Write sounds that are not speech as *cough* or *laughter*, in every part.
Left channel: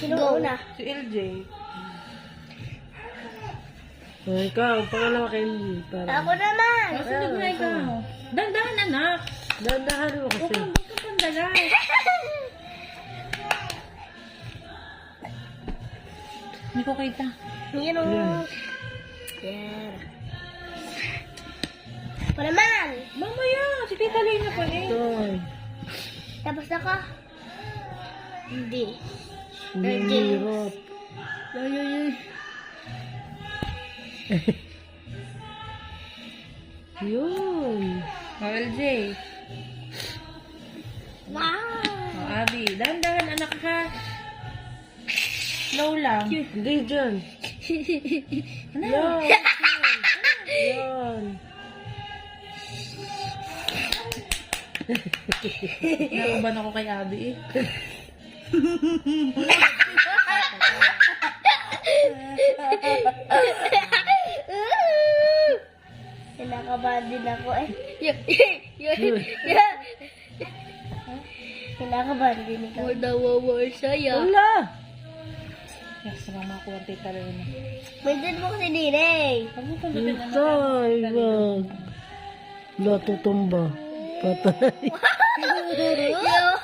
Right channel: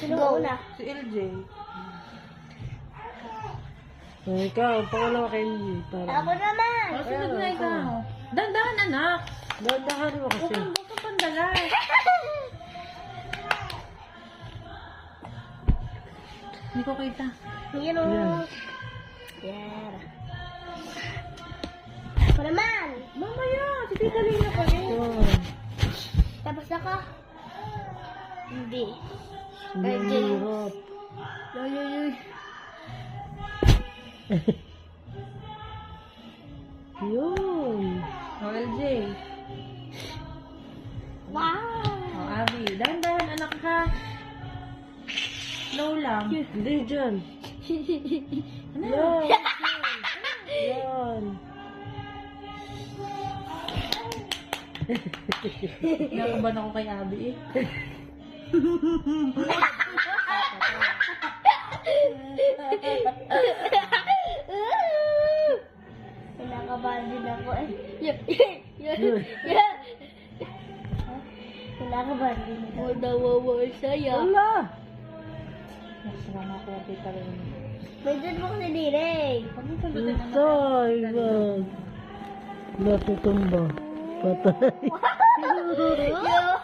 Sino Si LJ. So, ikaw, pangalawa kay LJ. Para. Ako naman! Kasi nagmay ka. Dandahan, anak! Dandahan mo kasi. Huwag ka pandagal. Hindi ko kita. Hino! Yeah. yeah. Ako naman! Mamaya! Si Tita Lina pa rin. Tapos ako? Mm. Hindi. Hirap. Ay, ay, ay. Yun. LJ. Wow. Oh, Abby. Dahan-dahan, anak ka. Low lang. Hindi, dyan. Ano? Yun. Yun. Nakaban ako kay Abby eh. *laughs* Pinakabandin ako eh. Pinakabandin ako. Huwag nawawa siya. Wala. Nagsama ko lang dito rin. Pwedeng mo kasi din eh. Ay, man. Matutumba. Patay. Yo!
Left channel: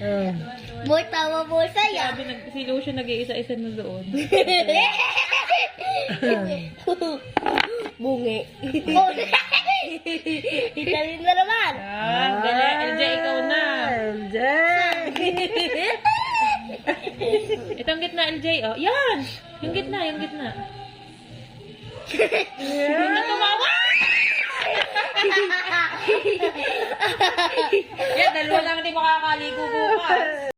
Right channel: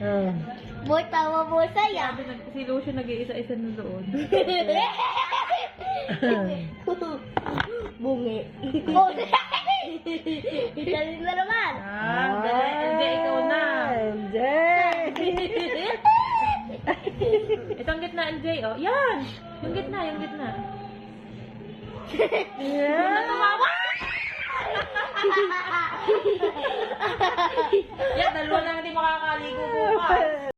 Ayan. *laughs* yeah. More tawa, mo sa'yo. Sabi, nag si Lucio nag-iisa-isa na doon. *laughs* *laughs* Bungi. Bungi. Italian na naman. Ah, LJ, ah, ikaw na. LJ. *laughs* Itong gitna, LJ, oh. Yan. Yung gitna, yung gitna. Yan. Yung na tumawa. Yan. Yan, dalawa *laughs* lang hindi makakaligo bukas.